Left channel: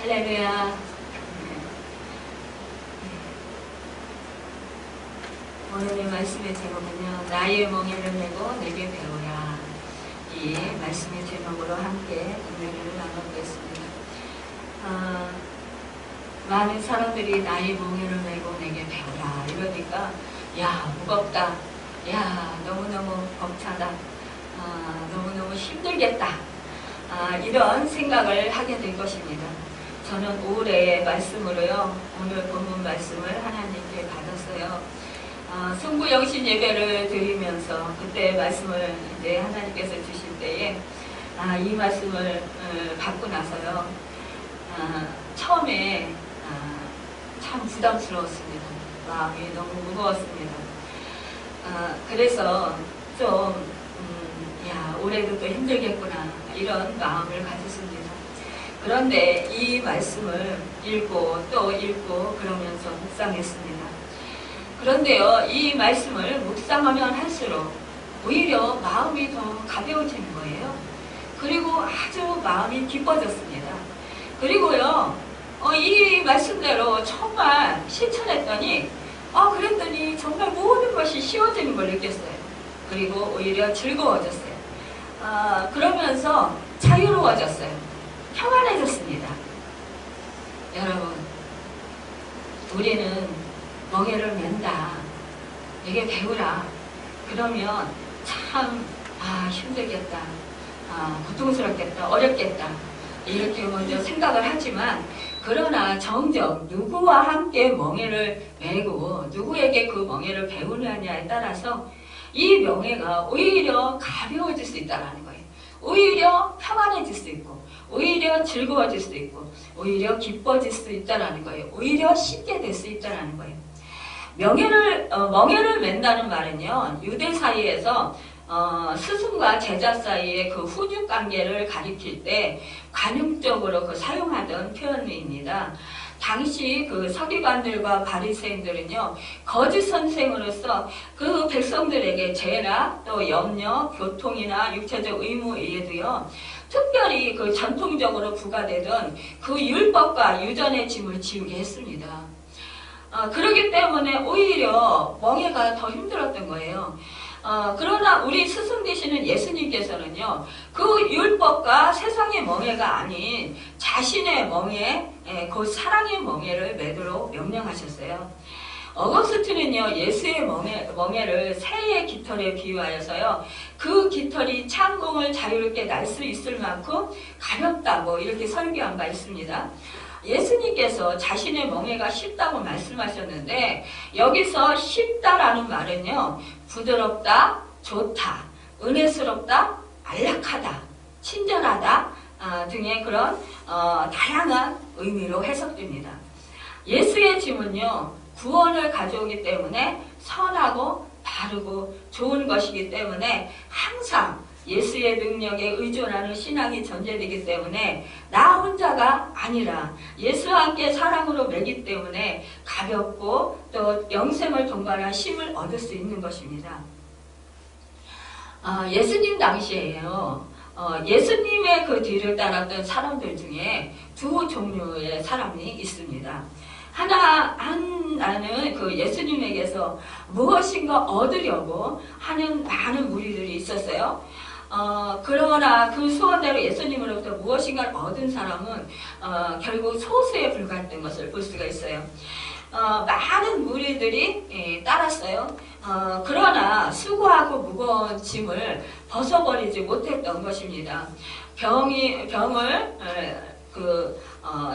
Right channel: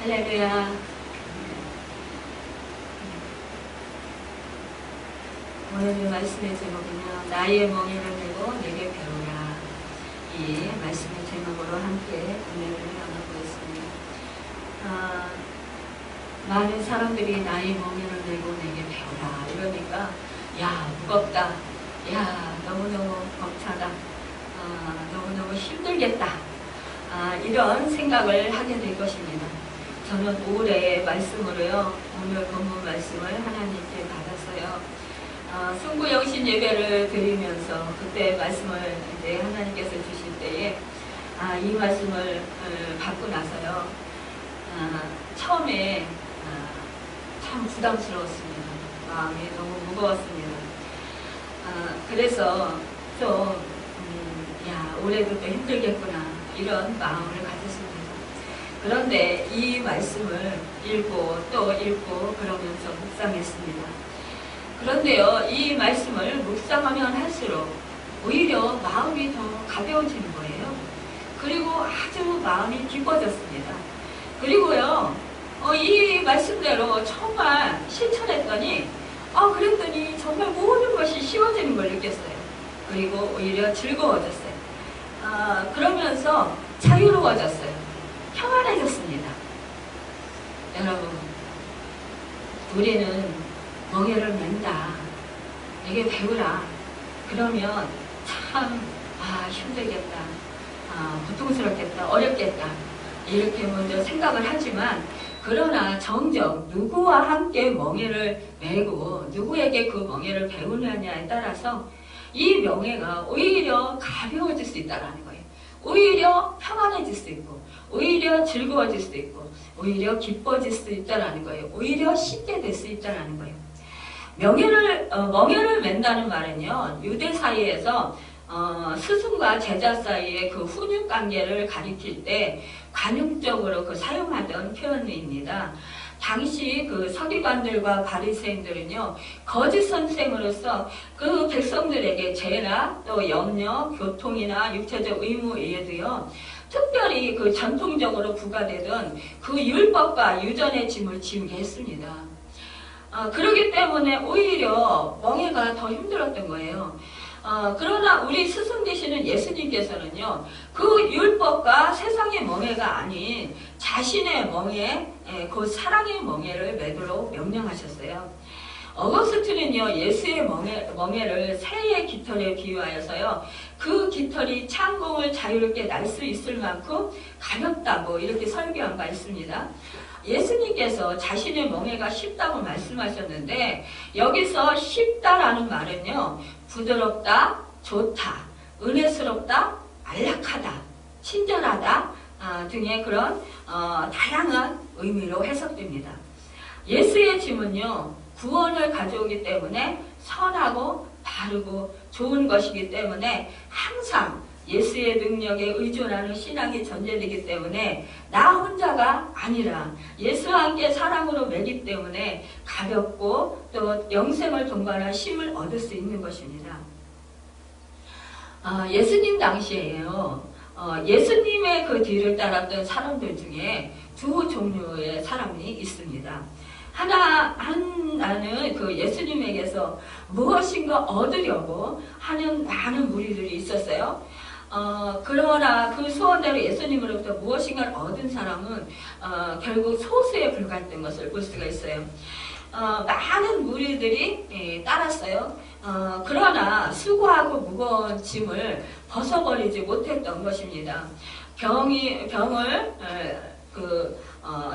할렐루야. 오늘의 말씀의 제목은요, 나의 멍에를 메고 내게 배우라. 이 말씀의 제목으로 함께 은혜를 나눠보겠습니다. 많은 사람들이 나의 멍에를 메고 내게 배우라 이러니까 야, 무겁다, 야, 너무너무 벅차다, 너무너무 힘들겠다, 이런 생각을 하게 될 것입니다. 저는 올해의 말씀으로요, 오늘 본문 말씀을 하나님께 받았어요. 승부영신 예배를 드리면서 그때 말씀을 이제 하나님께서 주실 때에 이 말씀을 받고 나서요, 처음에 참 부담스러웠습니다. 마음이 너무 무거웠습니다. 그래서 좀 야, 올해도 또 힘들겠구나 이런 마음을 가졌습니다. 그런데 이 말씀을 읽고 또 읽고 그러면서 묵상했습니다. 그런데요, 이 말씀을 묵상하면 할수록 오히려 마음이 더 가벼워지는 거예요. 그리고 아주 마음이 기뻐졌습니다. 그리고요, 이 말씀대로 정말 실천했더니 그랬더니 정말 모든 것이 쉬워지는 걸 느꼈어요. 그리고 오히려 즐거워졌어요. 그러면서 자유로워졌어요. 평안해졌습니다. 여러분, 우리는 멍에를 맨다, 내게 배우라, 그러면 참 힘들겠다, 고통스럽겠다, 어렵겠다 이렇게 먼저 생각을 하지만, 그러나 정작 누구와 함께 멍에를 메고 누구에게 그 멍에를 배우느냐에 따라서 이 멍에가 오히려 가벼워질 수 있다는 거예요. 오히려 평안해질 수 있고, 오히려 즐거워질 수 있고, 오히려 기뻐질 수 있다는 거예요. 오히려 쉽게 될 수 있다는 거예요. 멍에를 맨다는 말은요, 유대 사이에서 스승과 제자 사이의 그 훈육 관계를 가리킬 때 관용적으로 사용하던 표현입니다. 당시 그 서기관들과 바리새인들은요, 거짓 선생으로서 그 백성들에게 죄나 또 염려, 교통이나 육체적 의무 외에도요, 특별히 그 전통적으로 부과되던 그 율법과 유전의 짐을 지우게 했습니다. 그렇기 때문에 오히려 멍에가 더 힘들었던 거예요. 그러나 우리 스승 되시는 예수님께서는요, 그 율법과 세상의 멍에가 아닌 자신의 멍에, 그 사랑의 멍에를 매도록 명령하셨어요. 어거스틴은요, 예수의 멍에를 새의 깃털에 비유하여서요, 그 깃털이 창공을 자유롭게 날 수 있을 만큼 가볍다고 이렇게 설교한 바 있습니다. 예수님께서 자신의 멍에가 쉽다고 말씀하셨는데, 여기서 쉽다라는 말은요, 부드럽다, 좋다, 은혜스럽다, 안락하다, 친절하다 등의 그런 다양한 의미로 해석됩니다. 예수의 짐은요, 구원을 가져오기 때문에 선하고 바르고 좋은 것이기 때문에 항상 예수의 능력에 의존하는 신앙이 전제되기 때문에 나 혼자가 아니라 예수와 함께 사랑으로 매기 때문에 가볍고 또 영생을 동반한 힘을 얻을 수 있는 것입니다. 예수님 당시에요, 예수님의 그 뒤를 따랐던 사람들 중에 두 종류의 사람이 있습니다. 하나는 그 예수님에게서 무엇인가 얻으려고 하는 많은 무리들이 있었어요. 그러나 그 소원대로 예수님으로부터 무엇인가를 얻은 사람은 결국 소수에 불과했던 것을 볼 수가 있어요. 많은 무리들이 따랐어요. 그러나 수고하고 무거운 짐을 벗어버리지 못했던 것입니다. 병을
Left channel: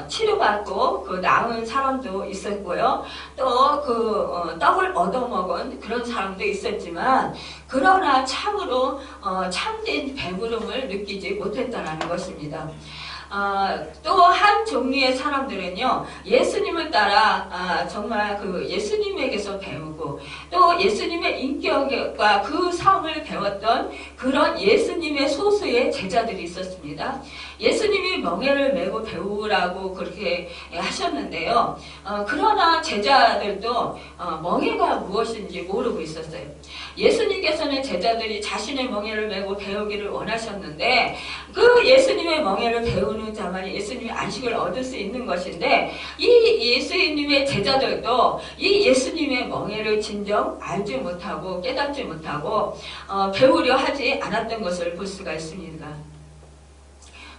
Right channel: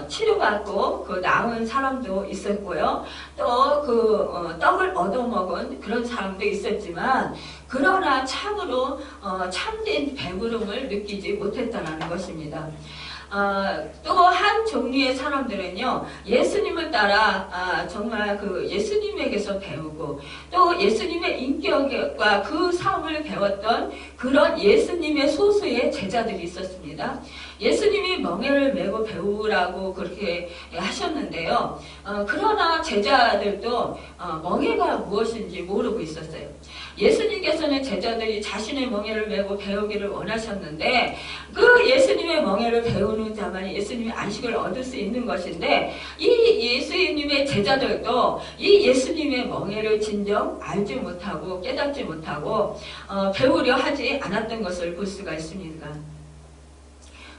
치료받고 나은 사람도 있었고요. 또 떡을 얻어먹은 그런 사람도 있었지만, 그러나 참으로 참된 배부름을 느끼지 못했다는 것입니다. 또 한 종류의 사람들은요, 예수님을 따라 정말 그 예수님에게서 배우고 또 예수님의 인격과 그 삶을 배웠던 그런 예수님의 소수의 제자들이 있었습니다. 예수님이 멍에를 메고 배우라고 그렇게 하셨는데요. 그러나 제자들도 멍에가 무엇인지 모르고 있었어요. 예수님께서는 제자들이 자신의 멍에를 메고 배우기를 원하셨는데 그 예수님의 멍에를 배우는 자만이 예수님의 안식을 얻을 수 있는 것인데 이 예수님의 제자들도 이 예수님의 멍에를 진정 알지 못하고 깨닫지 못하고 배우려 하지 않았던 것을 볼 수가 있습니다.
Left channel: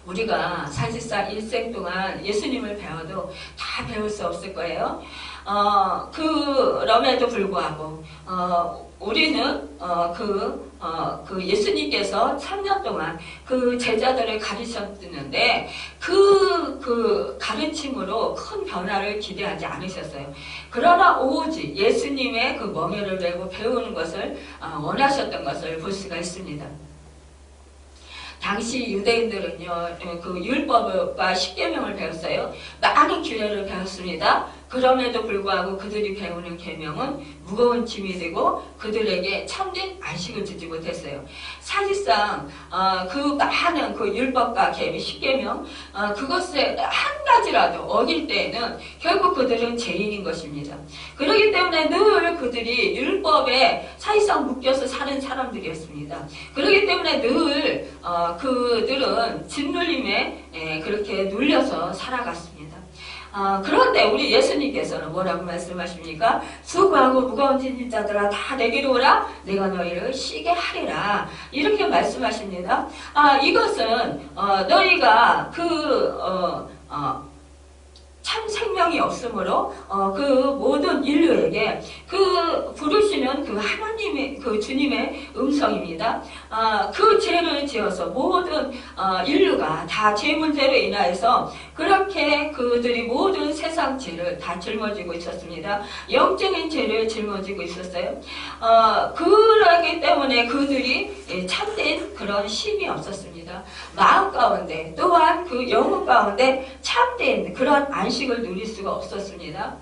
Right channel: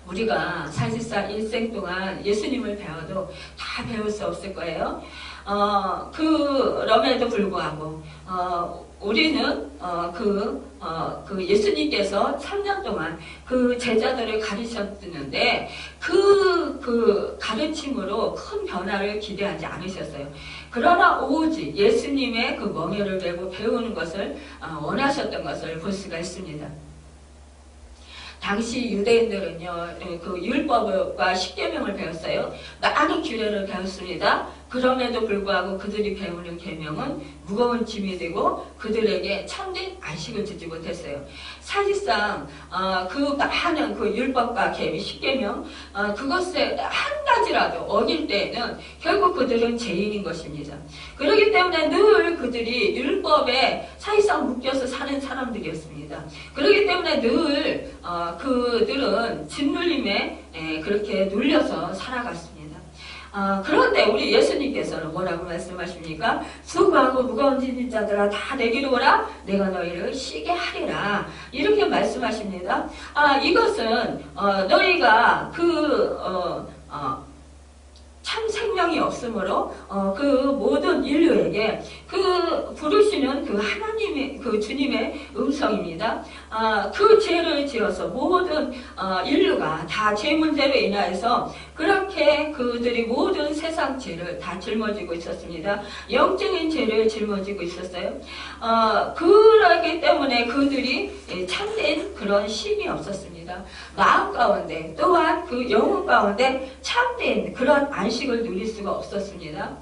우리가 사실상 일생 동안 예수님을 배워도 다 배울 수 없을 거예요. 그럼에도 불구하고 우리는 그 예수님께서 3년 동안 그 제자들을 가르쳤는데 그 가르침으로 큰 변화를 기대하지 않으셨어요. 그러나 오직 예수님의 그 멍에를 메고 배우는 것을 원하셨던 것을 볼 수가 있습니다. 당시 유대인들은요, 그 율법과 십계명을 배웠어요. 많은 규례를 배웠습니다. 그럼에도 불구하고 그들이 배우는 계명은 무거운 짐이 되고 그들에게 참된 안식을 주지 못했어요. 사실상 그 많은 그 율법과 계명, 십계명 그것에 한 가지라도 어길 때에는 결국 그들은 죄인인 것입니다. 그렇기 때문에 늘 그들이 율법에 사실상 묶여서 사는 사람들이었습니다. 그렇기 때문에 늘 그들은 짓눌림에 그렇게 눌려서 살아갔습니다. 그런데 우리 예수님께서는 뭐라고 말씀하십니까? 수고하고 무거운 짐진 자들아 다 내게로 오라 내가 너희를 쉬게 하리라 이렇게 말씀하십니다. 이것은 너희가 참 생명이 없으므로 그 모든 인류에게 그 부르시는 그 하나님의 그 주님의 음성입니다. 그 죄를 지어서 모든 인류가 다 죄 문제로 인하여서 그렇게 그들이 모든 세상 죄를 다 짊어지고 있었습니다. 영적인 죄를 짊어지고 있었어요. 그러기 때문에 그들이 참된 그런 쉼이 없었습니다. 마음 가운데 또한 그 영혼 가운데 참된 그런 안식을 누릴 수가 없었습니다.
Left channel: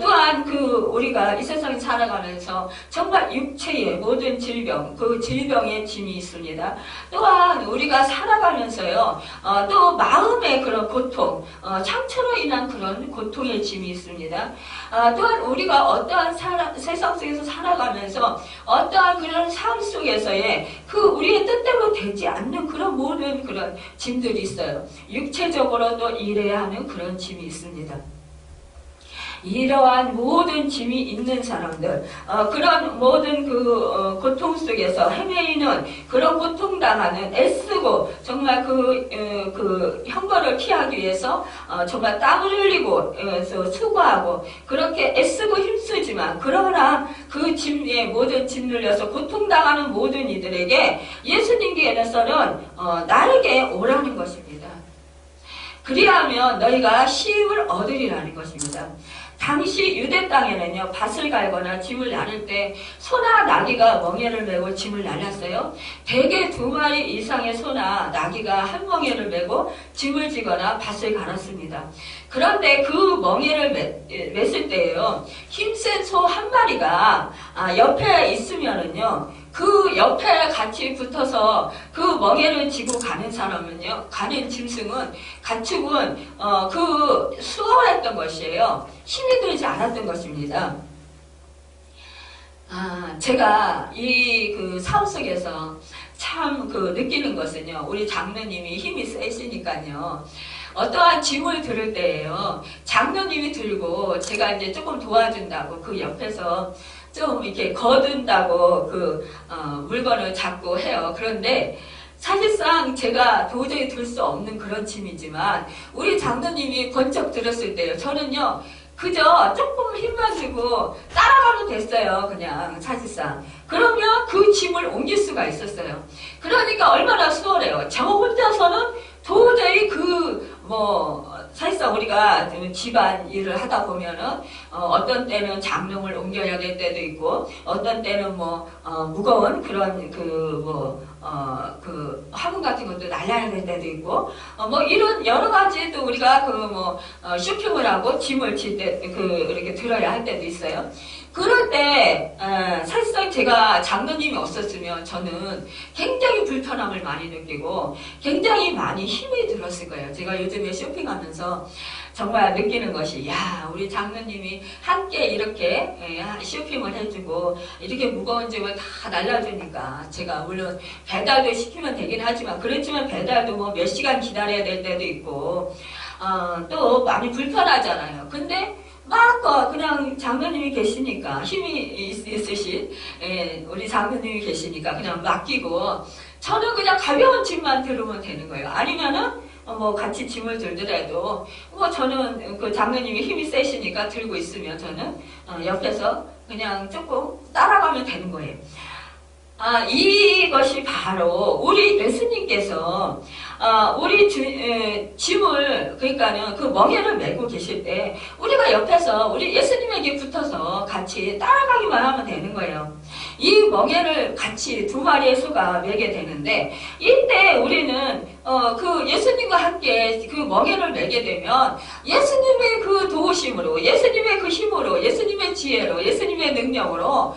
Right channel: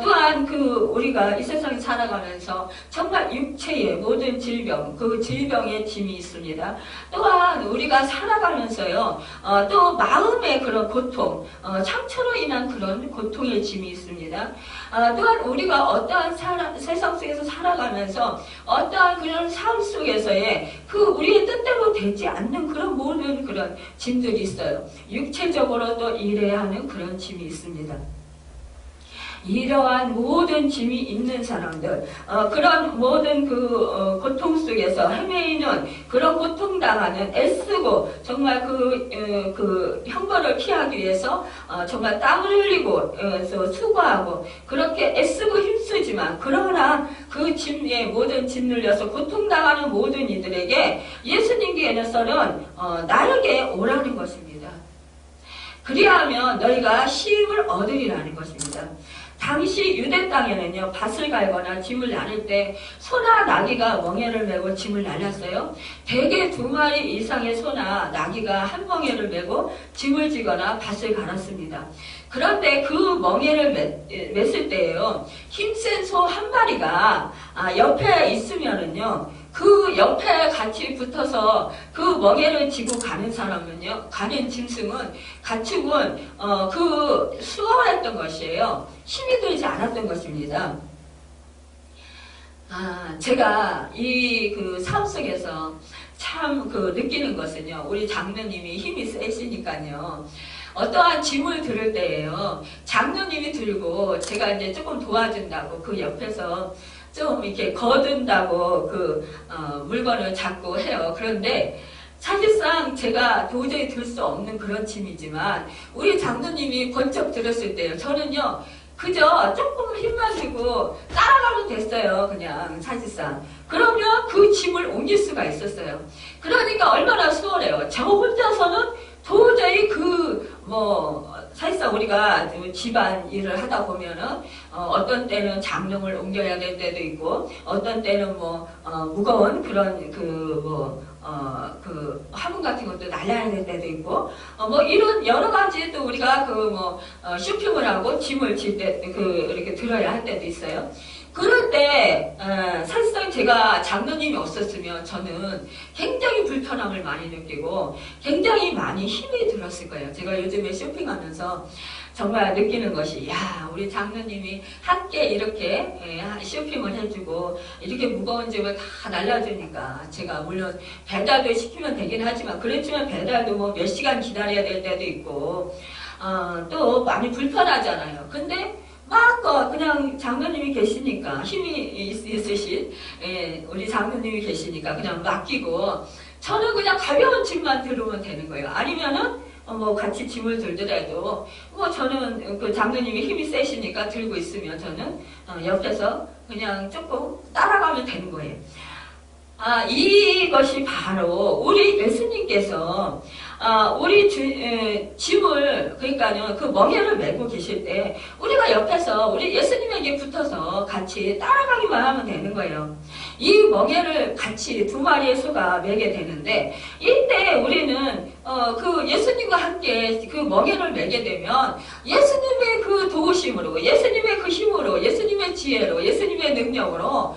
또한 우리가 이 세상에 살아가면서 정말 육체의 모든 질병, 그 질병의 짐이 있습니다. 또한 우리가 살아가면서요, 또 마음의 그런 고통, 상처로 인한 그런 고통의 짐이 있습니다. 또한 우리가 어떠한 세상 속에서 살아가면서 어떠한 그런 삶 속에서의 우리의 뜻대로 되지 않는 그런 모든 그런 짐들이 있어요. 육체적으로도 일해야 하는 그런 짐이 있습니다. 이러한 모든 짐이 있는 사람들, 그런 모든 고통 속에서 헤매이는 그런 고통당하는 애쓰고 정말 형벌을 피하기 위해서 정말 땀을 흘리고 수고하고 그렇게 애쓰고 힘쓰지만 그러나 그 짐에 모든 짐 눌려서 고통당하는 모든 이들에게 예수님께서는 나에게 오라는 것입니다. 그리하면 너희가 쉼을 얻으리라는 것입니다. 당시 유대 땅에는요, 밭을 갈거나 짐을 나를 때 소나 나귀가 멍에를 메고 짐을 날랐어요. 대개 2마리 이상의 소나 나귀가 한 멍에를 메고 짐을 지거나 밭을 갈았습니다. 그런데 그 멍에를 맸을 때에요, 힘센 소 한 마리가 옆에 있으면은요, 그 옆에 같이 붙어서 그 멍에를 지고 가는 사람은요, 가는 짐승은, 가축은, 수월했던 것이에요. 힘이 들지 않았던 것입니다. 제가 이 삶 속에서 참 느끼는 것은요, 우리 장로님이 힘이 세시니까요, 어떠한 짐을 들을 때에요, 장로님이 들고 제가 이제 조금 도와준다고 그 옆에서 좀 이렇게 거둔다고 물건을 잡고 해요. 그런데 사실상 제가 도저히 들 수 없는 그런 짐이지만 우리 장로님이 번쩍 들었을 때요, 저는요 그저 조금 힘만 주고 따라가면 됐어요. 그냥 사실상. 그러면 그 짐을 옮길 수가 있었어요. 그러니까 얼마나 수월해요. 저 혼자서는 도저히 사실상 우리가 집안 일을 하다 보면은, 어떤 때는 장롱을 옮겨야 될 때도 있고, 어떤 때는 무거운 그런 화분 같은 것도 날라야 될 때도 있고, 이런 여러 가지 또 우리가 쇼핑을 하고 짐을 질 때, 이렇게 들어야 할 때도 있어요. 그럴 때, 사실상 제가 장로님이 없었으면 저는 굉장히 불편함을 많이 느끼고 굉장히 많이 힘이 들었을 거예요. 제가 요즘에 쇼핑하면서 정말 느끼는 것이, 야, 우리 장로님이 함께 이렇게 쇼핑을 해주고 이렇게 무거운 짐을 다 날라주니까 제가 물론 배달도 시키면 되긴 하지만 그렇지만 배달도 뭐 몇 시간 기다려야 될 때도 있고 또 많이 불편하잖아요. 근데 막 그냥 장로님이 계시니까 힘이 있으신 우리 장로님이 계시니까 그냥 맡기고 저는 그냥 가벼운 짐만 들으면 되는 거예요. 아니면은 뭐 같이 짐을 들더라도 뭐 저는 그 장로님이 힘이 세시니까 들고 있으면 저는 옆에서 그냥 조금 따라가면 되는 거예요. 이것이 바로 우리 예수님께서 우리 짐을 그러니까는 그 멍에를 메고 계실 때 우리가 옆에서 우리 예수님에게 붙어서 같이 따라가기만 하면 되는 거예요. 이 멍에를 같이 두 마리의 소가 메게 되는데 이때 우리는 그 예수님과 함께 그 멍에를 메게 되면 예수님의 그 도우심으로, 예수님의 그 힘으로, 예수님의 지혜로, 예수님의 능력으로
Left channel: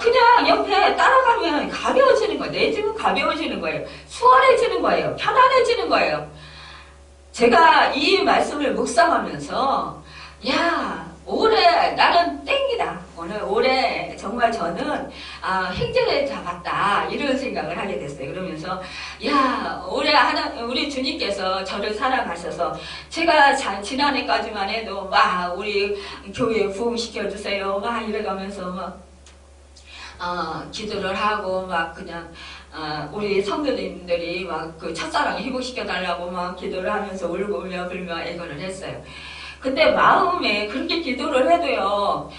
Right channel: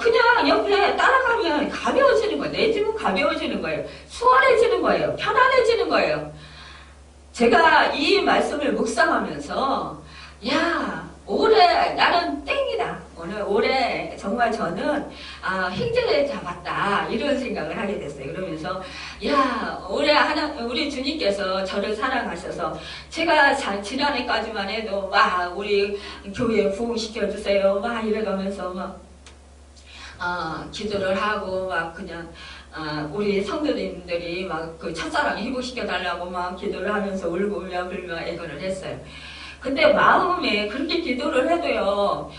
그냥 옆에 따라가면 가벼워지는 거예요. 내 짐은 가벼워지는 거예요. 수월해지는 거예요. 편안해지는 거예요. 제가 이 말씀을 묵상하면서 야, 올해 나는 땡이다. 올해 정말 저는 횡재를 잡았다. 이런 생각을 하게 됐어요. 그러면서 야, 올해 우리 주님께서 저를 사랑하셔서 제가 지난해까지만 해도 막 우리 교회 부흥시켜주세요. 막 이래가면서 막 기도를 하고 막 그냥 우리 성도님들이 막 그 첫사랑 회복시켜달라고 막 기도를 하면서 울고 울며 불며 애걸을 했어요. 근데 마음에 그렇게 기도를 해도요,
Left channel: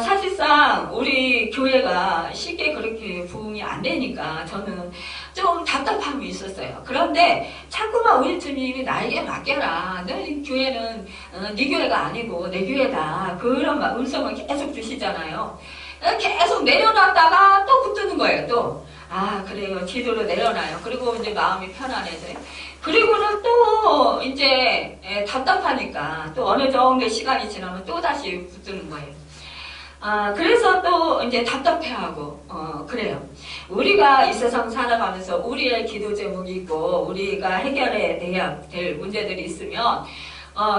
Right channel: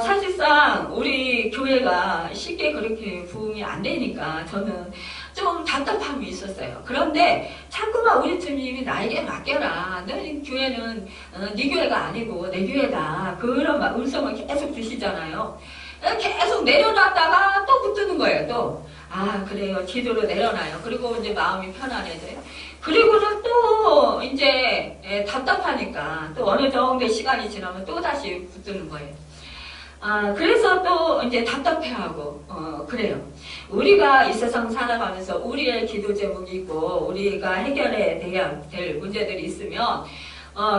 사실상 우리 교회가 쉽게 그렇게 부흥이 안 되니까 저는 좀 답답함이 있었어요. 그런데 자꾸만 우리 주님이 나에게 맡겨라. 너 교회는 네 교회가 아니고 내 교회다. 그런 음성을 계속 주시잖아요. 계속 내려놨다가 또 붙드는 거예요, 또. 그래요. 기도로 내려놔요. 그리고 이제 마음이 편안해져요. 그리고는 또 이제 답답하니까 또 어느 정도 시간이 지나면 또 다시 붙드는 거예요. 그래서 또 이제 답답해하고, 그래요. 우리가 이 세상 살아가면서 우리의 기도 제목이 있고, 우리가 해결해야 될 문제들이 있으면,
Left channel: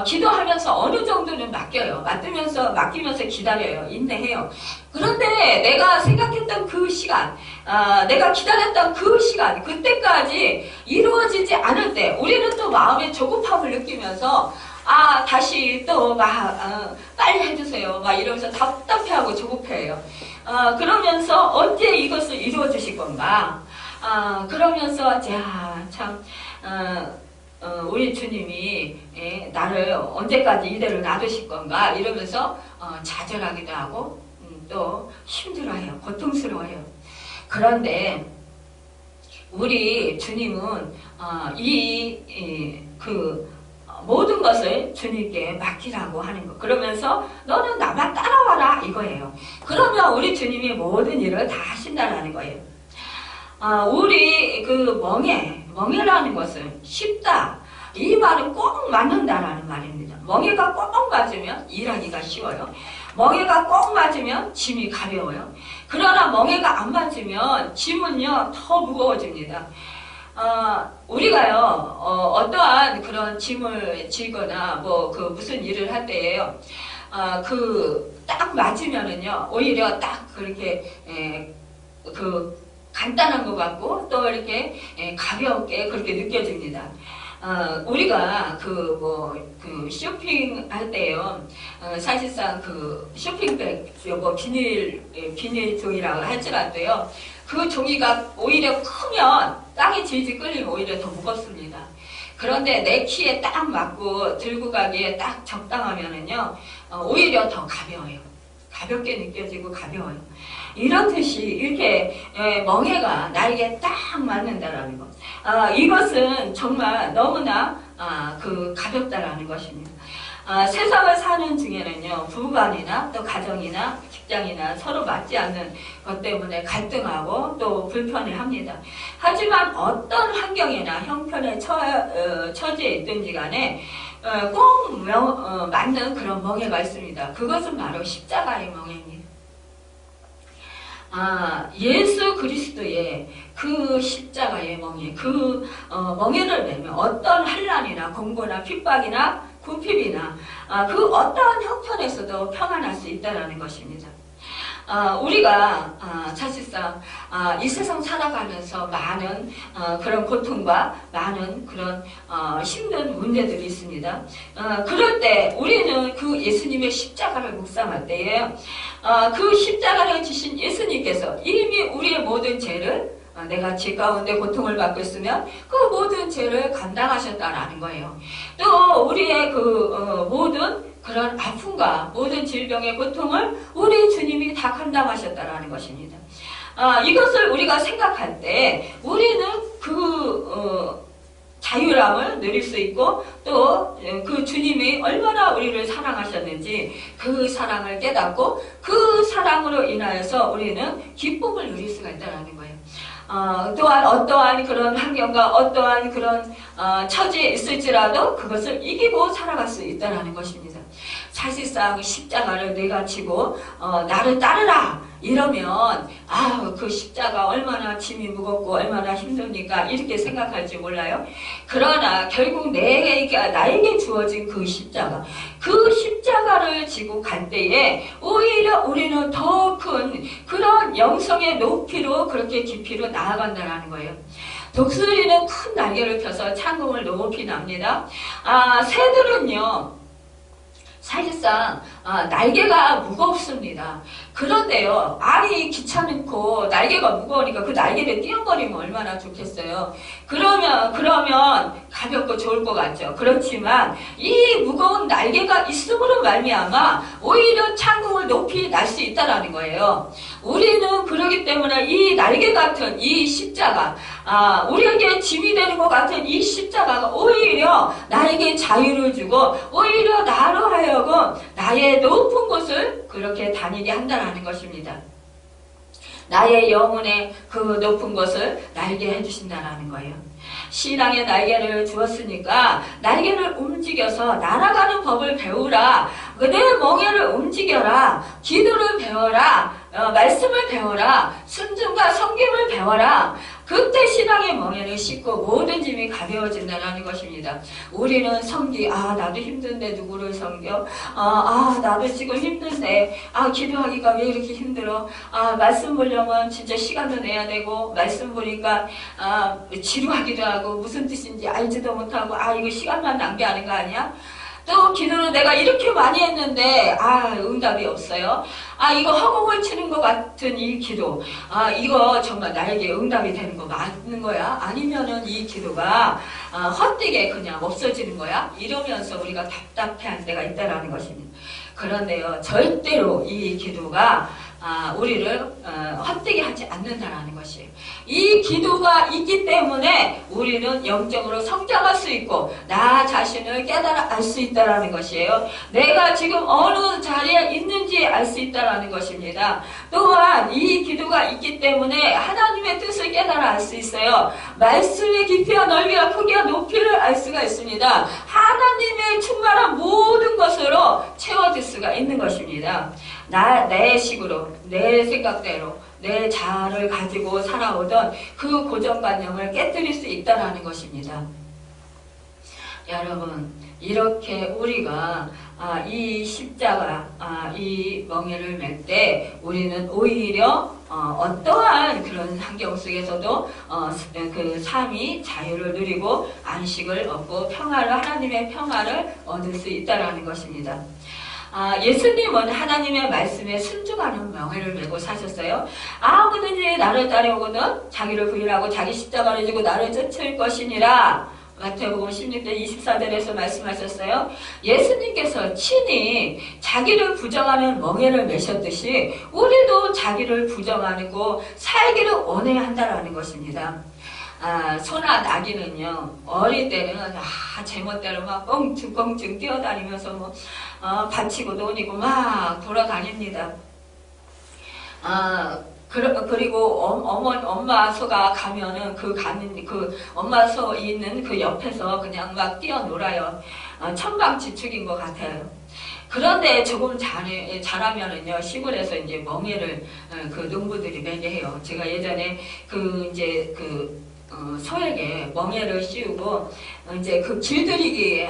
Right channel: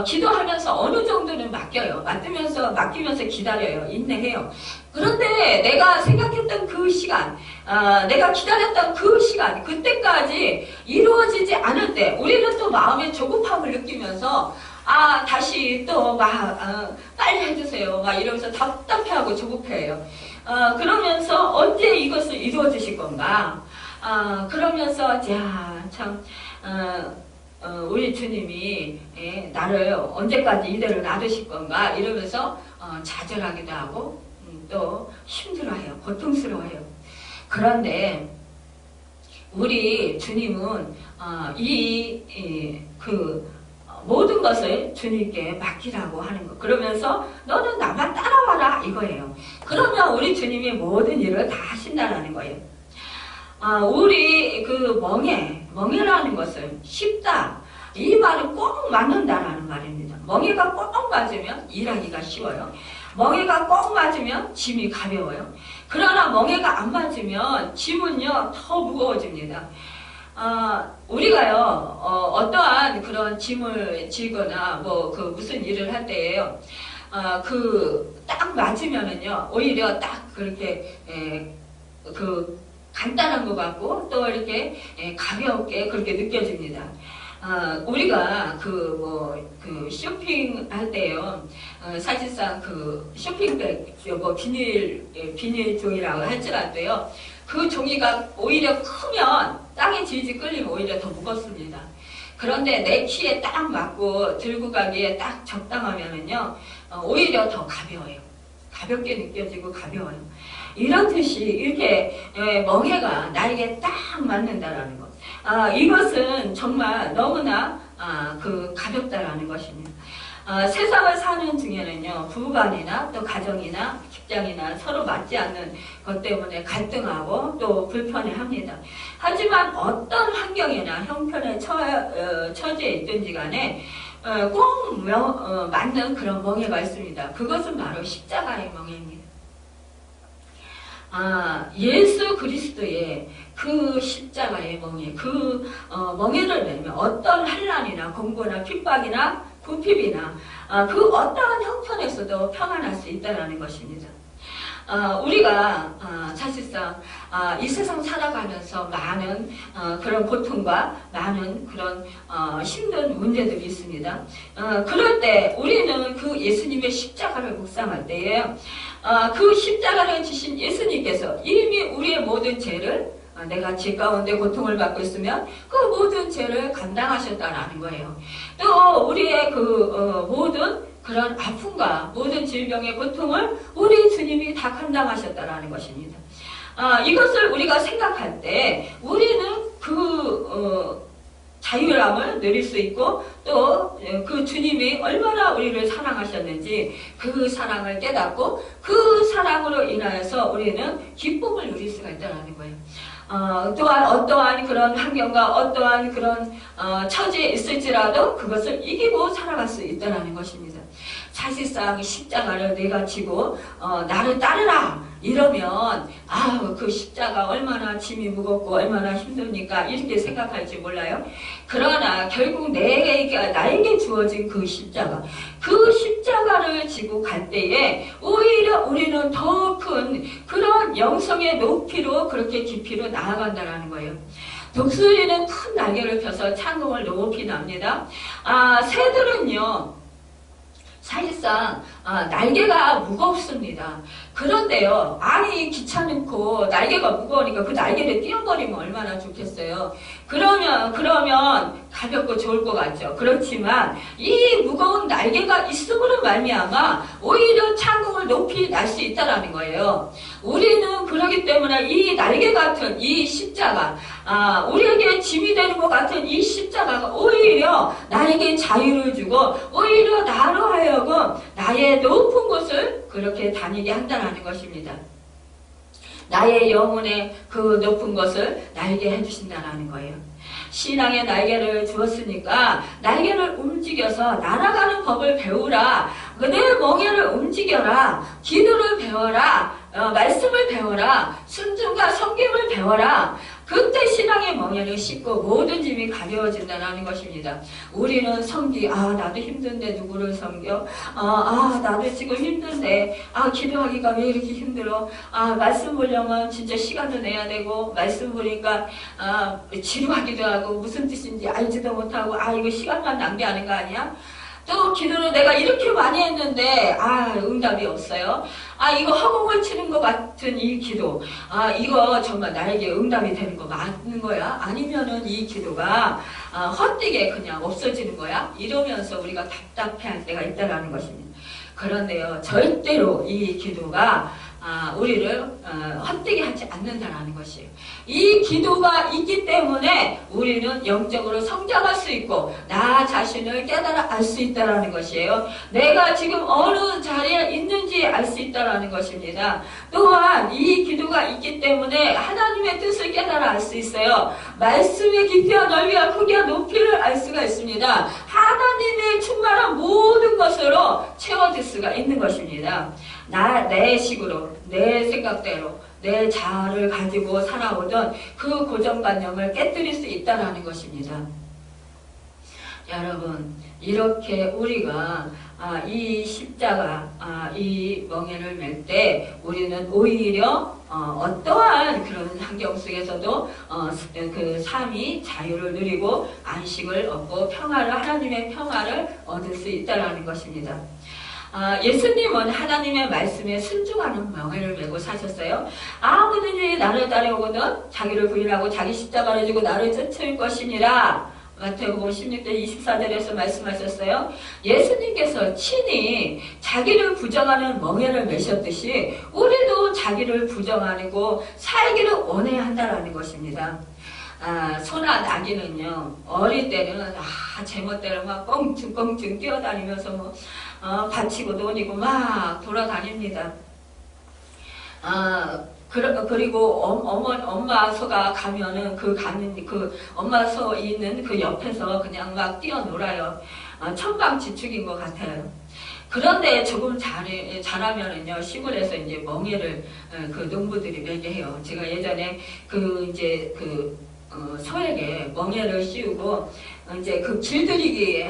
기도하면서 어느 정도는 맡기면서 기다려요. 인내해요. 그런데 내가 생각했던 그 시간, 내가 기다렸던 그 시간, 그때까지 이루어지지 않을 때, 우리는 또 마음의 조급함을 느끼면서, 다시 또 빨리 해주세요. 막 이러면서 답답해하고 조급해요. 그러면서 언제 이것을 이루어 주실 건가? 그러면서, 우리 주님이 나를 언제까지 이대로 놔두실 건가 이러면서 좌절하기도 하고 또 힘들어해요. 고통스러워해요. 그런데 우리 주님은 모든 것을 주님께 맡기라고 하는 거. 그러면서 너는 나만 따라와라 이거예요. 그러면 우리 주님이 모든 일을 다 하신다라는 거예요. 우리 그 멍에라는 것은 쉽다. 이 말은 꼭 맞는다라는 말입니다. 멍에가 꼭 맞으면 일하기가 쉬워요. 멍에가 꼭 맞으면 짐이 가벼워요. 그러나 멍에가 안 맞으면 짐은요 더 무거워집니다. 우리가요 어떠한 그런 짐을 지거나 무슨 일을 할 때에요. 딱 맞으면은요 오히려 딱 그렇게 간단한 것 같고 또 이렇게 가볍게 그렇게 느껴집니다. 우리가 쇼핑할 때요, 사실상 쇼핑백, 비닐 종이라고 할지라도요, 그 종이가 오히려 크면 땅에 질질 끌리면 오히려 더 무겁습니다. 그런데 내 키에 딱 맞고 들고 가기에 딱 적당하면은요, 오히려 더 가벼워요. 가볍게 느껴지고 가벼워요. 이런 뜻이 이렇게 멍해가 나에게 딱 맞는다라는 것. 이것은 정말 너무나 가볍다라는 것입니다. 세상을 사는 중에는요, 부부간이나 또 가정이나 직장이나 서로 맞지 않는 것 때문에 갈등하고 또 불편해합니다. 하지만 어떤 환경이나 형편에 처지에 있든지 간에 꼭 맞는 그런 멍해가 있습니다. 그것은 바로 십자가의 멍해입니다. 예수 그리스도의 그 십자가의 멍해, 멍해를 내면 어떤 환난이나 공고나 핍박이나 궁핍이나 그 어떠한 형편에서도 평안할 수 있다는 것입니다. 우리가 사실상 이 세상 살아가면서 많은 그런 고통과 많은 그런 힘든 문제들이 있습니다. 그럴 때 우리는 그 예수님의 십자가를 묵상할 때에 그 십자가를 지신 예수님께서 이미 우리의 모든 죄를 내가 죄 가운데 고통을 받고 있으면 그 모든 죄를 감당하셨다라는 거예요. 또 우리의 그 모든 그런 아픔과 모든 질병의 고통을 우리 주님이 다 감당하셨다라는 것입니다. 이것을 우리가 생각할 때 우리는 그 자유함을 누릴 수 있고 또 그 주님이 얼마나 우리를 사랑하셨는지 그 사랑을 깨닫고 그 사랑으로 인하여서 우리는 기쁨을 누릴 수가 있다는 거예요. 또한 어떠한 그런 환경과 어떠한 그런 처지에 있을지라도 그것을 이기고 살아갈 수 있다는 것입니다. 사실상 십자가를 내가 지고 나를 따르라 이러면 그 십자가 얼마나 짐이 무겁고 얼마나 힘듭니까 이렇게 생각할지 몰라요. 그러나 결국 나에게 주어진 그 십자가를 지고 갈 때에 오히려 우리는 더 큰 그런 영성의 높이로 그렇게 깊이로 나아간다는 거예요. 독수리는 큰 날개를 펴서 창공을 높이 납니다. 새들은요 사실상 날개가 무겁습니다. 그런데요, 아니 귀찮고 날개가 무거우니까 그 날개를 띄워버리면 얼마나 좋겠어요. 그러면 가볍고 좋을 것 같죠. 그렇지만 이 무거운 날개가 있음으로 말미암아 오히려 창공을 높이 날 수 있다라는 거예요. 우리는 그러기 때문에 이 날개 같은 이 십자가, 우리에게 짐이 되는 것 같은 이 십자가가 오히려 나에게 자유를 주고 오히려 나로 하여금 나의 높은 곳을 그렇게 다니게 한다는 것입니다. 나의 영혼의 그 높은 곳을 날게 해주신다는 거예요. 신앙의 날개를 주었으니까 날개를 움직여서 날아가는 법을 배우라. 내 멍에를 움직여라. 기도를 배워라. 말씀을 배워라. 순종과 섬김을 배워라. 그때 신앙의 멍에를 씻고 모든 짐이 가벼워진다는 것입니다. 우리는 나도 힘든데 누구를 섬겨? 나도 지금 힘든데 기도하기가 왜 이렇게 힘들어? 말씀 보려면 진짜 시간도 내야 되고 말씀 보니까 지루하기도 하고 무슨 뜻인지 알지도 못하고 이거 시간만 낭비하는 거 아니야? 또 기도를 내가 이렇게 많이 했는데 응답이 없어요. 이거 허공을 치는 것 같은 이 기도, 이거 정말 나에게 응답이 되는 거 맞는 거야? 아니면은 이 기도가 헛되게 그냥 없어지는 거야? 이러면서 우리가 답답해할 때가 있다라는 것입니다. 그런데요, 절대로 이 기도가 우리를 헛되게 하지 않는다라는 것이에요. 이 기도가 있기 때문에 우리는 영적으로 성장할 수 있고 나 자신을 깨달아 알 수 있다라는 것이에요. 내가 지금 어느 자리에 있는지 알 수 있다라는 것입니다. 또한 이 기도가 있기 때문에 하나님의 뜻을 깨달아 알 수 있어요. 말씀의 깊이와 넓이와 크기와 높이를 알 수가 있습니다. 하나님의 충만한 모든 것으로 채워질 수가 있는 것입니다. 내 식으로, 내 생각대로, 내 자아를 가지고 살아오던 그 고정관념을 깨뜨릴 수 있다는 것입니다. 여러분, 이렇게 우리가 이 십자가, 이 멍에를 맬 때 우리는 오히려 어떠한 그런 환경 속에서도 그 삶이 자유를 누리고 안식을 얻고 하나님의 평화를 얻을 수 있다는 것입니다. 예수님은 하나님의 말씀에 순종하는 멍에를 메고 사셨어요. 아무든지 나를 따라오거든 자기를 부인하고 자기 십자가를 지고 나를 쫓을 것이니라. 마태복음 16장 24절에서 말씀하셨어요. 예수님께서 친히 자기를 부정하는 멍에를 메셨듯이 우리도 자기를 부정하고 살기를 원해야 한다는 것입니다. 소나 나귀는요, 어릴 때는 제멋대로 막 껑충껑충 뛰어다니면서 받치고 논이고 막 돌아다닙니다. 그리고 엄마 소가 가면은 그 엄마 소 있는 그 옆에서 그냥 막 뛰어놀아요. 천방지축인 것 같아요. 그런데 조금 잘하면은요, 시골에서 이제 멍에를 그 농부들이 매게 해요. 제가 예전에 소에게 멍에를 씌우고 이제 그 길들이기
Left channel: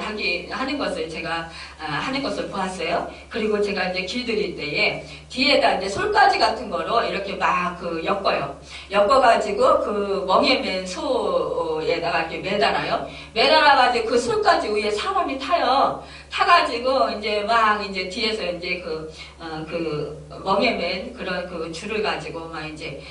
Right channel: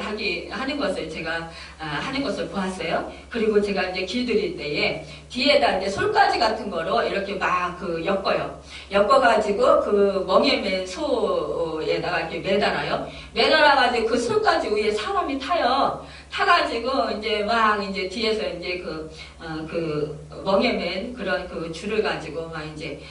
하는 것을 제가 하는 것을 보았어요. 그리고 제가 이제 길들일 때에 뒤에다 이제 솔가지 같은 거로 이렇게 막 엮어요. 엮어가지고 그 멍에 맨 소에다가 이렇게 매달아요. 매달아가지고 그 솔가지 위에 사람이 타요. 타가지고 이제 막 이제 뒤에서 이제 그 멍에 맨 그런 그 줄을 가지고 막 이제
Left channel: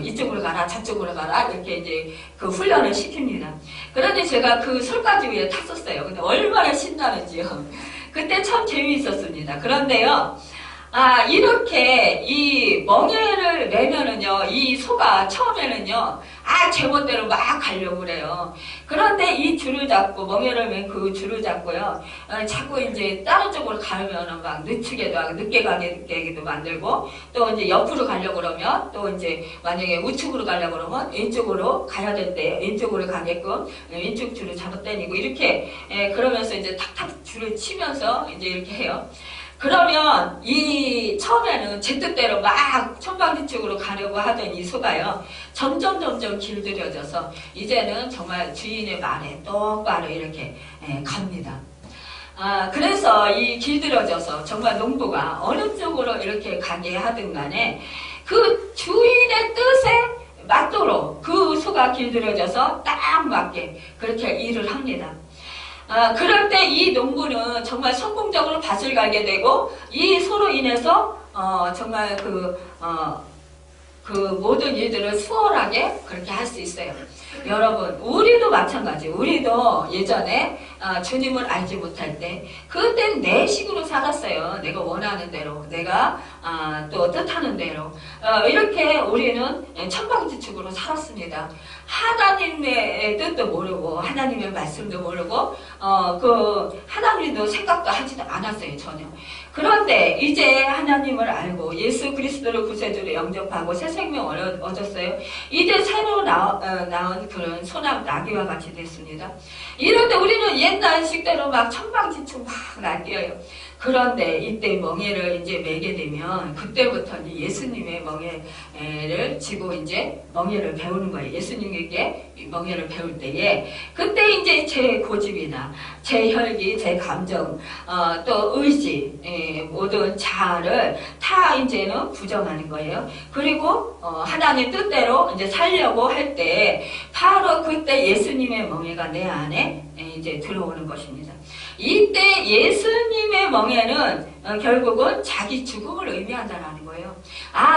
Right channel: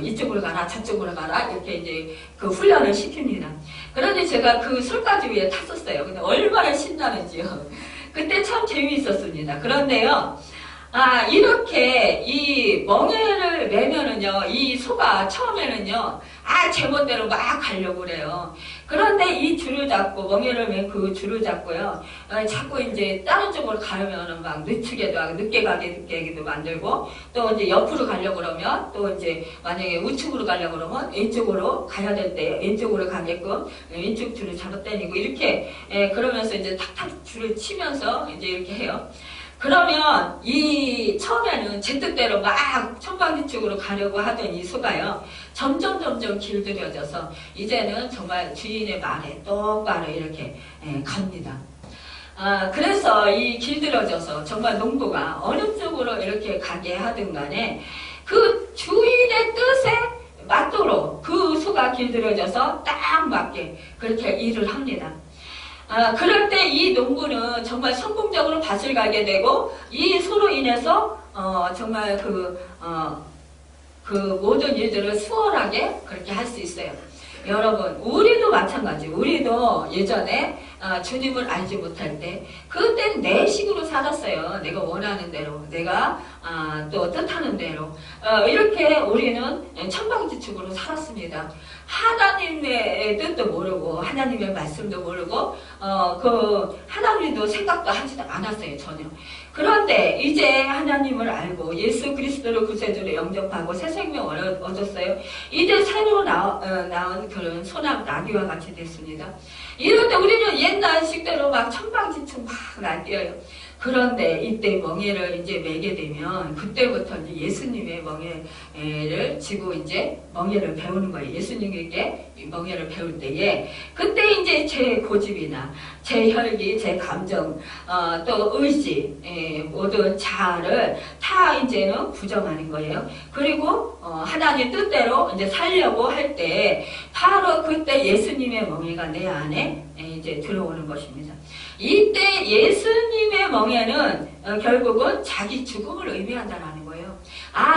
이쪽으로 가라 저쪽으로 가라 이렇게 이제 그 훈련을 시킵니다. 그런데 제가 그 솔가지 위에 탔었어요. 근데 얼마나 신나는지요. 그때 참 재미있었습니다. 그런데요, 이렇게 이 멍에를 매면은요, 이 소가 처음에는요, 제멋대로 막 가려고 그래요. 그런데 이 줄을 잡고, 멍에를 맨 그 줄을 잡고요, 자꾸 이제 다른 쪽으로 가려면은 막 늦추게도 하고, 늦게 가게도 만들고, 또 이제 옆으로 가려고 그러면, 또 이제 만약에 우측으로 가려고 그러면 왼쪽으로 가야 될 때, 왼쪽으로 가게끔 왼쪽 줄을 잡아당기고, 이렇게, 그러면서 이제 탁탁 줄을 치면서 이제 이렇게 해요. 그러면 이 처음에는 제 뜻대로 막 천방지축으로 가려고 하던 이 소가요, 점점 길들여져서 이제는 정말 주인의 말에 똑바로 이렇게 갑니다. 그래서 이 길들여져서 정말 농부가 어느 쪽으로 이렇게 가게 하든 간에 그 주인의 뜻에 맞도록 그 소가 길들여져서 딱 맞게 그렇게 일을 합니다. 그럴 때 이 농부는 정말 성공적으로 밭을 가게 되고, 이 소로 인해서, 정말 그 모든 일들을 수월하게 그렇게 할 수 있어요. 여러분, 우리도 마찬가지. 우리도 예전에 주님을 알지 못할 때, 그땐 내 식으로 살았어요. 내가 원하는 대로, 내가 또 뜻하는 대로. 이렇게 우리는 천방지축으로 살았습니다. 하나님의 뜻도 모르고, 하나님의 말씀도 모르고, 하나님도 생각도 하지도 않았어요, 전혀. 그런데 이제 하나님을 알고 예수 그리스도를 구세주로 영접하고 새 생명을 얻었어요. 이제 새로 나온 그런 소나무 나귀와 같이 됐습니다. 이럴 때 우리는 옛날 식대로 막 천방지축 막 날뛰어요. 그런데 이때 멍에를 이제 매게 되면 그때부터 이제 예수님의 멍에를 지고 이제 멍에를 배우는 거예요. 예수님에게 멍에를 배울 때에 그때 이제 제 고집이나 제 혈기, 제 감정, 또 의지, 모든 자아를 다 이제는 부정하는 거예요. 그리고 하나님 뜻대로 이제 살려고 할 때 바로 그때 예수님의 멍에가 내 안에 이제 들어오는 것입니다. 이때 예수님의 멍에는 결국은 자기 죽음을 의미한다는 거예요.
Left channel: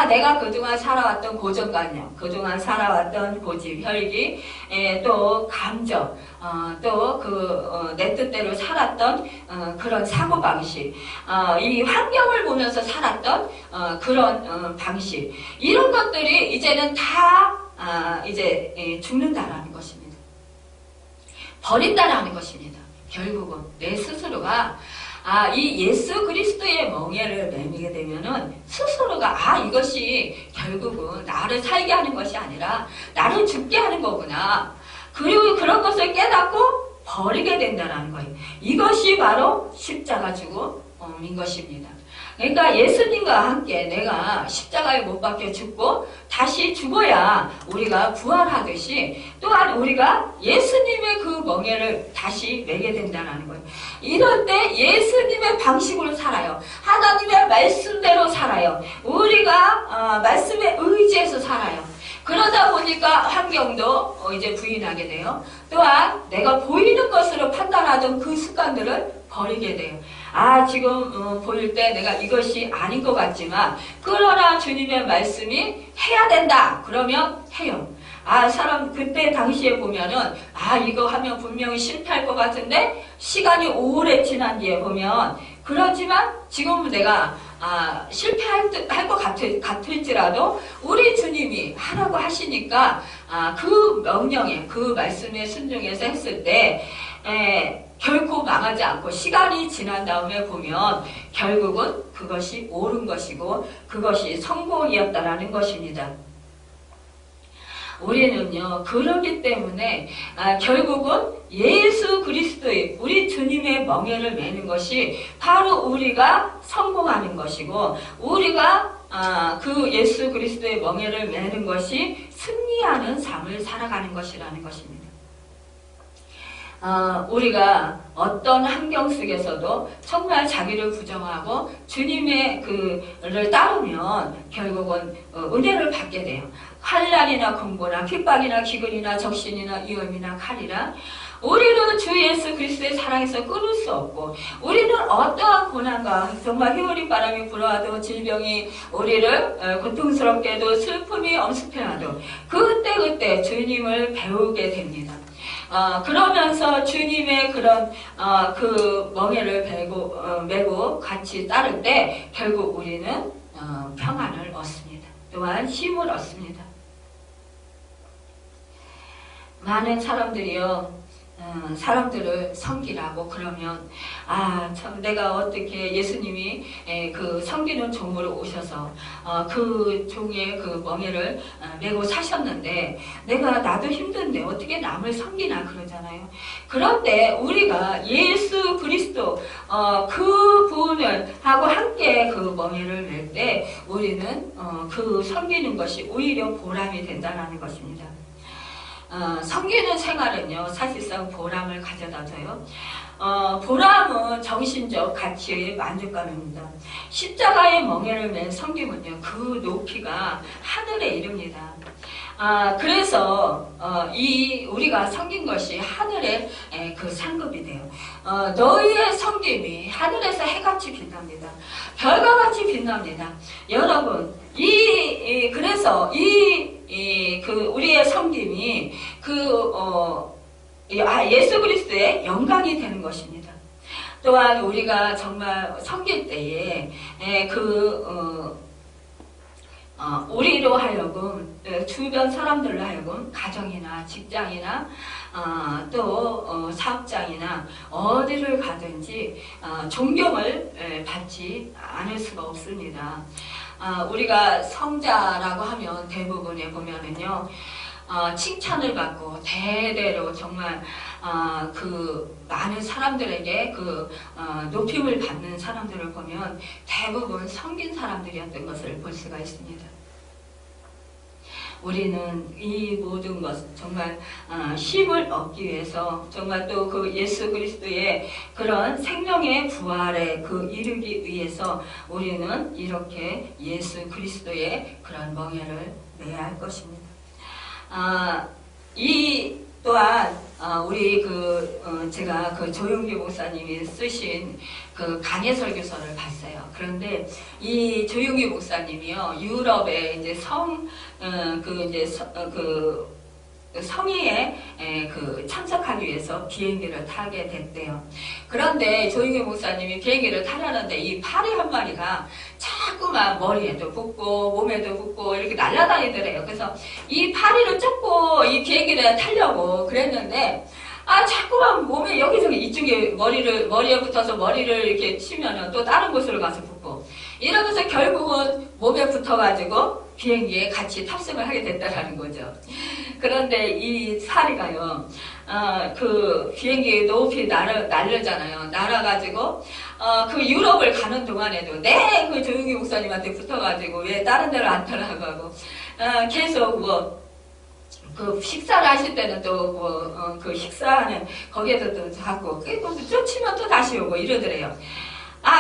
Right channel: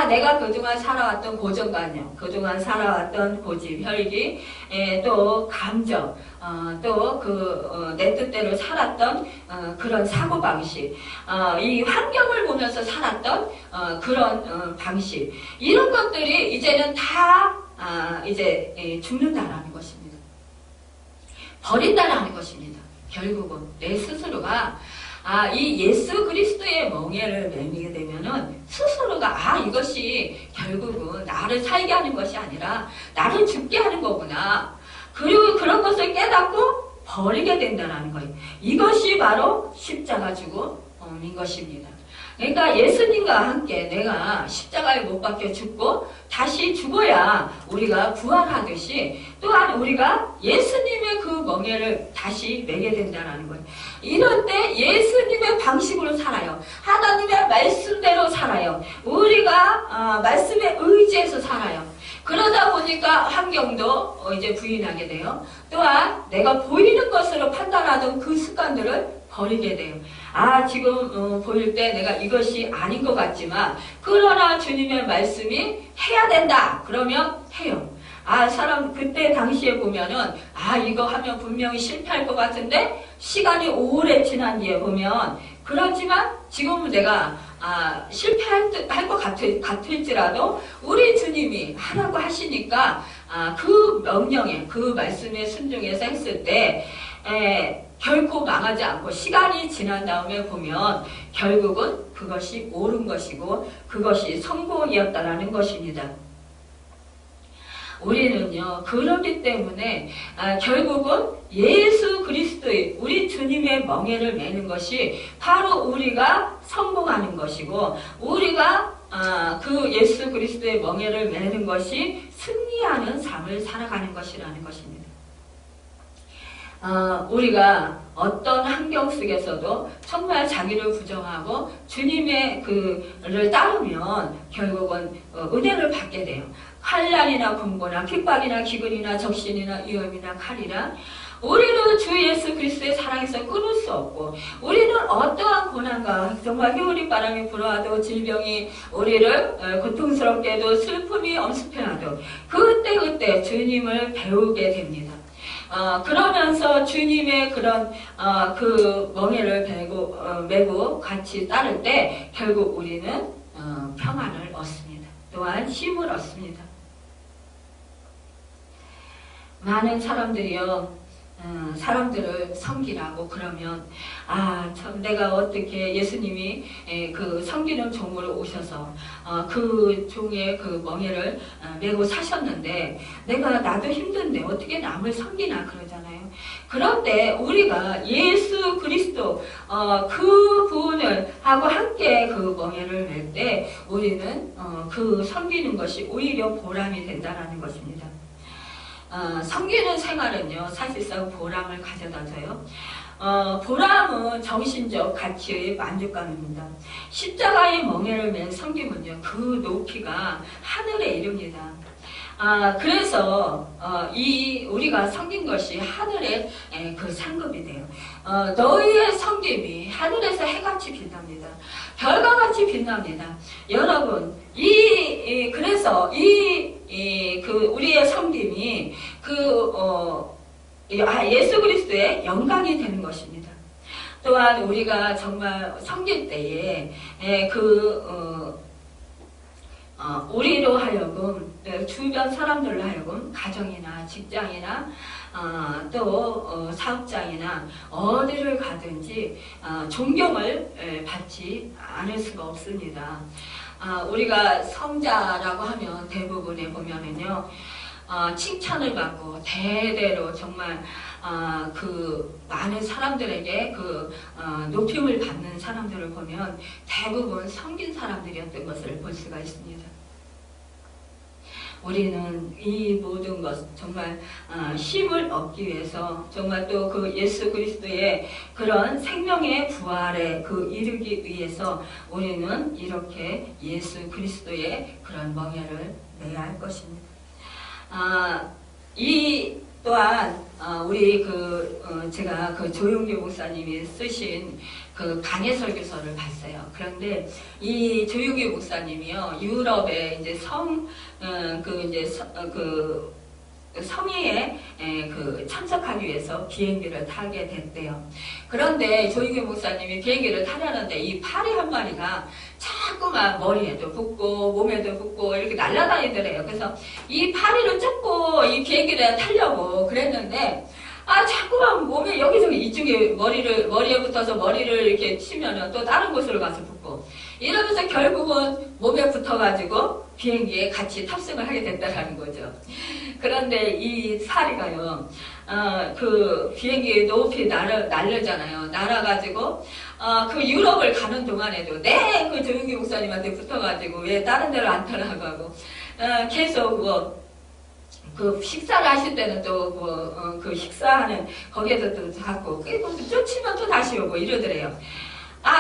내가 그동안 살아왔던 고정관념, 그동안 살아왔던 고집, 혈기, 또 감정, 또 내 뜻대로 살았던 그런 사고방식, 이 환경을 보면서 살았던 그런 방식, 이런 것들이 이제는 다 이제 죽는다라는 것입니다. 버린다라는 것입니다. 결국은 내 스스로가 이 예수 그리스도의 멍에를 매미게 되면은 스스로가 이것이 결국은 나를 살게 하는 것이 아니라 나를 죽게 하는 거구나. 그리고 그런 것을 깨닫고 버리게 된다는 거예요. 이것이 바로 십자가 죽음인 것입니다. 그러니까 예수님과 함께 내가 십자가에 못 박혀 죽고 다시 죽어야 우리가 부활하듯이 또한 우리가 예수님의 그 멍에를 다시 매게 된다는 거예요. 이럴 때 예수님의 방식으로 살아요. 하나님의 말씀대로 살아요. 우리가 말씀에 의지해서 살아요. 그러다 보니까 환경도 이제 부인하게 돼요. 또한 내가 보이는 것으로 판단하던 그 습관들을 버리게 돼요. 지금 보일 때 내가 이것이 아닌 것 같지만 그러나 주님의 말씀이 해야 된다. 그러면 해요. 사람 그때 당시에 보면은 이거 하면 분명히 실패할 것 같은데 시간이 오래 지난 뒤에 보면 그렇지만 지금 내가 실패할 것 같을지라도 우리 주님이 하라고 하시니까 그 명령에 그 말씀에 순종해서 했을 때 결코 망하지 않고 시간이 지난 다음에 보면 결국은 그것이 옳은 것이고 그것이 성공이었다라는 것입니다. 우리는요, 그렇기 때문에 결국은 예수 그리스도의 우리 주님의 멍에를 매는 것이 바로 우리가 성공하는 것이고 우리가 그 예수 그리스도의 멍에를 매는 것이 승리하는 삶을 살아가는 것이라는 것입니다. 우리가 어떤 환경 속에서도 정말 자기를 부정하고 주님의 그를 따르면 결국은 은혜를 받게 돼요. 환난이나 공고나 핍박이나 기근이나 적신이나 위험이나 칼이라 우리는 주 예수 그리스도의 사랑에서 끊을 수 없고, 우리는 어떠한 고난과 정말 휘어린 바람이 불어와도 질병이 우리를 고통스럽게도 슬픔이 엄습해와도 그때 주님을 배우게 됩니다. 그러면서 주님의 그런 그 멍에를 메고 같이 따를 때 결국 우리는 평안을 얻습니다. 또한 힘을 얻습니다. 많은 사람들이요, 사람들을 섬기라고 그러면 참 내가 어떻게 예수님이 그 섬기는 종으로 오셔서 그 종의 그 멍에를 메고 사셨는데 나도 힘든데 어떻게 남을 섬기나 그러잖아요. 그럴 때 우리가 예수 그리스도 그 분을 하고 함께 그 멍에를 맬 때 우리는 그 섬기는 것이 오히려 보람이 된다는 것입니다. 섬기는 생활은요, 사실상 보람을 가져다 줘요. 보람은 정신적 가치의 만족감입니다. 십자가의 멍에를 맨 섬김은요, 그 높이가 하늘에 이릅니다. 그래서 우리가 섬긴 것이 하늘의 그 상급이 돼요. 너희의 섬김이 하늘에서 해같이 빛납니다. 별과 같이 빛납니다. 여러분, 그래서 우리의 섬김이 예수 그리스도의 영광이 되는 것입니다. 또한 우리가 정말 섬길 때에 우리로 하여금, 주변 사람들로 하여금, 가정이나 직장이나, 또, 사업장이나, 어디를 가든지, 존경을 받지 않을 수가 없습니다. 우리가 성자라고 하면 대부분에 보면은요, 칭찬을 받고, 대대로 정말, 많은 사람들에게 높임을 받는 사람들을 보면 대부분 섬긴 사람들이었던 것을 볼 수가 있습니다. 우리는 이 모든 것, 정말, 힘을 얻기 위해서, 정말 또 그 예수 그리스도의 그런 생명의 부활에 이르기 위해서 우리는 이렇게 예수 그리스도의 그런 멍에를 매야 할 것입니다. 또한 우리 제가 조용기 목사님이 쓰신 강해 설교서를 봤어요. 그런데 이 조용기 목사님이요, 유럽에 이제 성의에 참석하기 위해서 비행기를 타게 됐대요. 그런데 조용기 목사님이 비행기를 타려는데 이 파리 한 마리가 자꾸만 머리에도 붙고 몸에도 붙고 이렇게 날아다니더래요. 그래서 이 파리를 쫓고 이 비행기를 타려고 그랬는데 자꾸만 몸에 여기저기 이쪽에 머리에 붙어서 머리를 이렇게 치면은 또 다른 곳으로 가서 붙고 이러면서 결국은 몸에 붙어가지고 비행기에 같이 탑승을 하게 됐다라는 거죠. 그런데 이 파리가요, 비행기 높이 날려잖아요. 날아가지고, 유럽을 가는 동안에도, 그 조용기 목사님한테 붙어가지고, 왜 다른 데를 안 타라고 하고, 계속 식사를 하실 때는 또, 식사하는, 거기에서 또 자꾸, 쫓으면 또 다시 오고 이러더래요.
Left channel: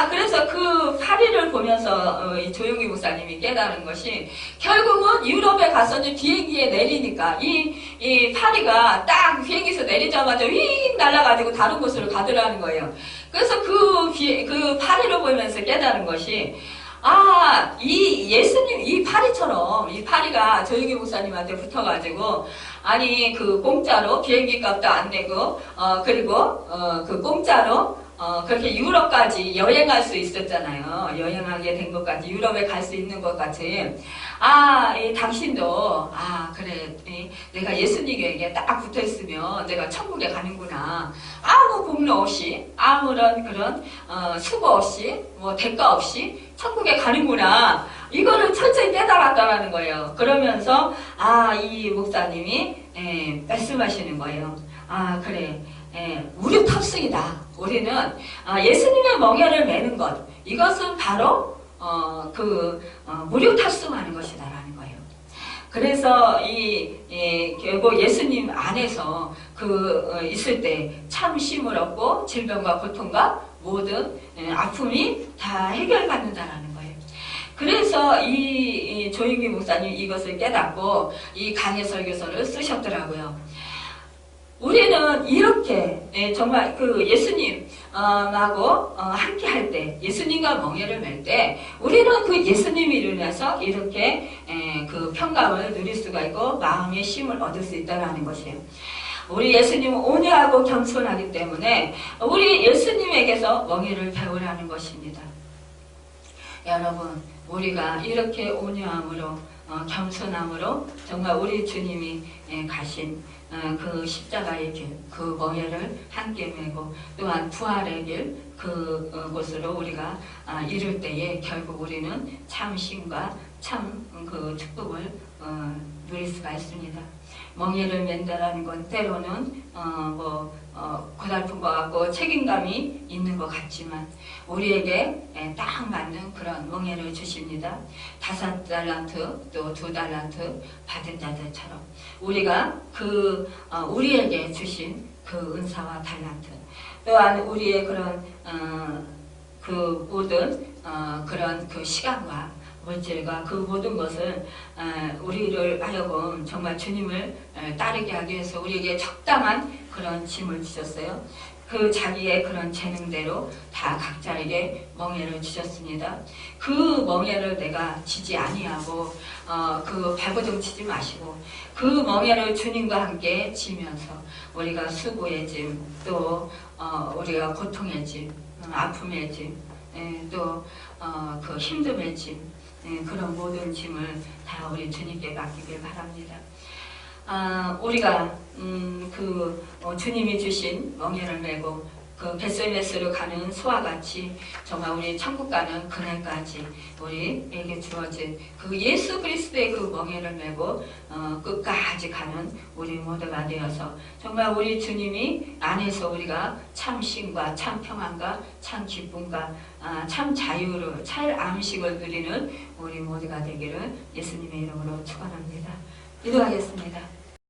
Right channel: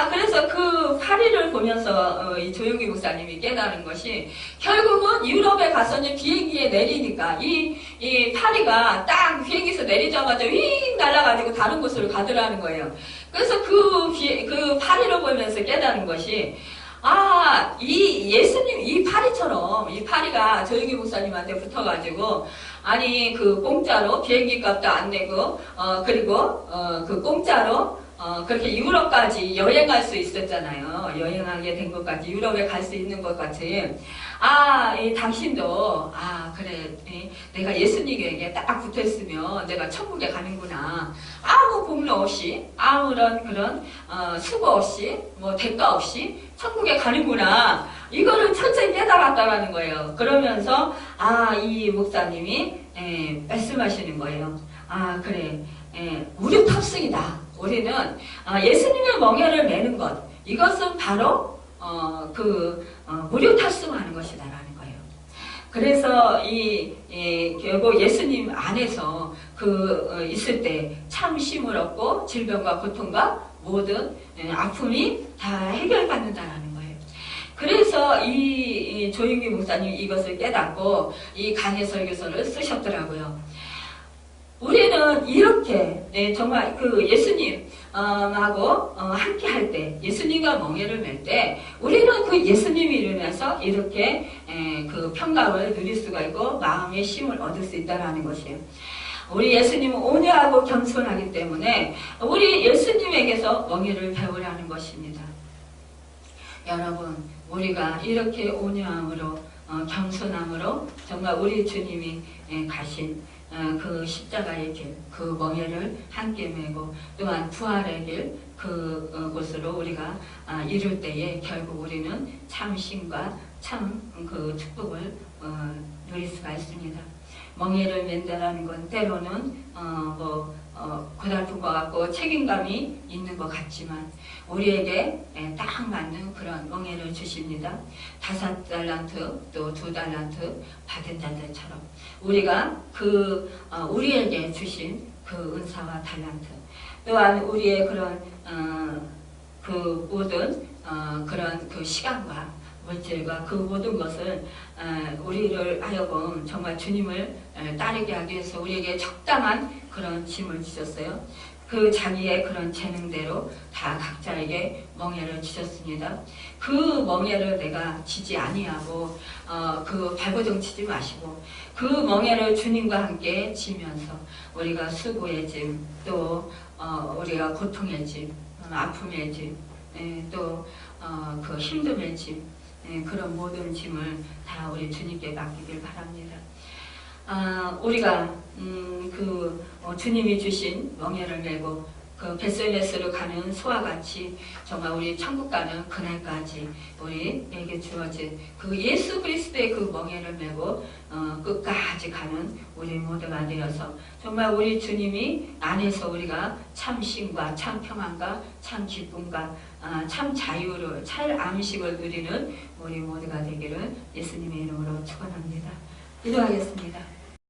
그래서 그 파리를 보면서 이 조용기 목사님이 깨달은 것이 결국은 유럽에 가서는 비행기에 내리니까 이 파리가 딱 비행기에서 내리자마자 윙 날아가지고 다른 곳으로 가더라는 거예요. 그래서 그 파리를 보면서 깨달은 것이 이 파리처럼, 이 파리가 조용기 목사님한테 붙어가지고, 공짜로 비행기 값도 안 내고, 그리고, 공짜로, 그렇게 유럽까지 여행할 수 있었잖아요. 여행하게 된 것까지, 유럽에 갈 수 있는 것 같이. 당신도, 그래, 내가 예수님에게 딱 붙어 있으면 내가 천국에 가는구나. 아무 공로 없이, 아무런 그런, 수고 없이, 대가 없이 천국에 가는구나. 이거를 철저히 깨달았다라는 거예요. 그러면서, 이 목사님이, 말씀하시는 거예요. 그래. 우리 탑승이다. 우리는 예수님의 멍에를 매는 것, 이것은 바로 무료 탑승하는 것이다라는 거예요. 그래서 결국 예수님 안에서 있을 때 참 쉼을 얻고 질병과 고통과 모든 아픔이 다 해결받는다라는 거예요. 그래서 이 조윤기 목사님 이것을 깨닫고 이 강해 설교서를 쓰셨더라고요. 우리는 이렇게 정말 예수님하고 함께 할 때, 예수님과 멍에를 맬 때 우리는 그 예수님이 일어나서 이렇게 그 평강을 누릴 수가 있고 마음의 쉼을 얻을 수 있다는 것이에요. 우리 예수님은 온유하고 겸손하기 때문에 우리 예수님에게서 멍에를 배우라는 것입니다. 여러분, 우리가 이렇게 온유함으로 겸손함으로 정말 우리 주님이 가신 그 십자가의 길, 그 멍에를 함께 메고 또한 부활의 길, 그곳으로 우리가 이룰 때에 결국 우리는 참 쉼과 참 축복을 누릴 수가 있습니다. 멍에를 맨다라는 건 때로는 고달픈 것 같고 책임감이 있는 것 같지만 우리에게 딱 맞는 그런 멍에를 주십니다. 5달란트 또 2달란트 받은 자들처럼 우리가 우리에게 주신 그 은사와 달란트 또한 우리의 그런 모든 그런 시간과 물질과 그 모든 것을 우리를 하여금 정말 주님을 따르게 하기 위해서 우리에게 적당한 그런 짐을 주셨어요. 그 자기의 그런 재능대로 다 각자에게 멍에를 주셨습니다. 그 멍에를 내가 지지 아니하고 발버둥 치지 마시고 그 멍에를 주님과 함께 지면서 우리가 수고의 짐, 또 우리가 고통의 짐, 아픔의 짐, 또 그 힘듦의 짐, 그런 모든 짐을 다 우리 주님께 맡기길 바랍니다. 우리가 주님이 주신 멍에를 메고 그 벳솔메스로 가는 소와 같이 정말 우리 천국 가는 그날까지 우리에게 주어진 그 예수 그리스도의 그 멍에를 메고 끝까지 가는 우리 모두가 되어서 정말 우리 주님이 안에서 우리가 참 쉼과 참 평안과 참 기쁨과 참 자유를 참 안식을 누리는 우리 모두가 되기를 예수님의 이름으로 축원합니다. 기도하겠습니다.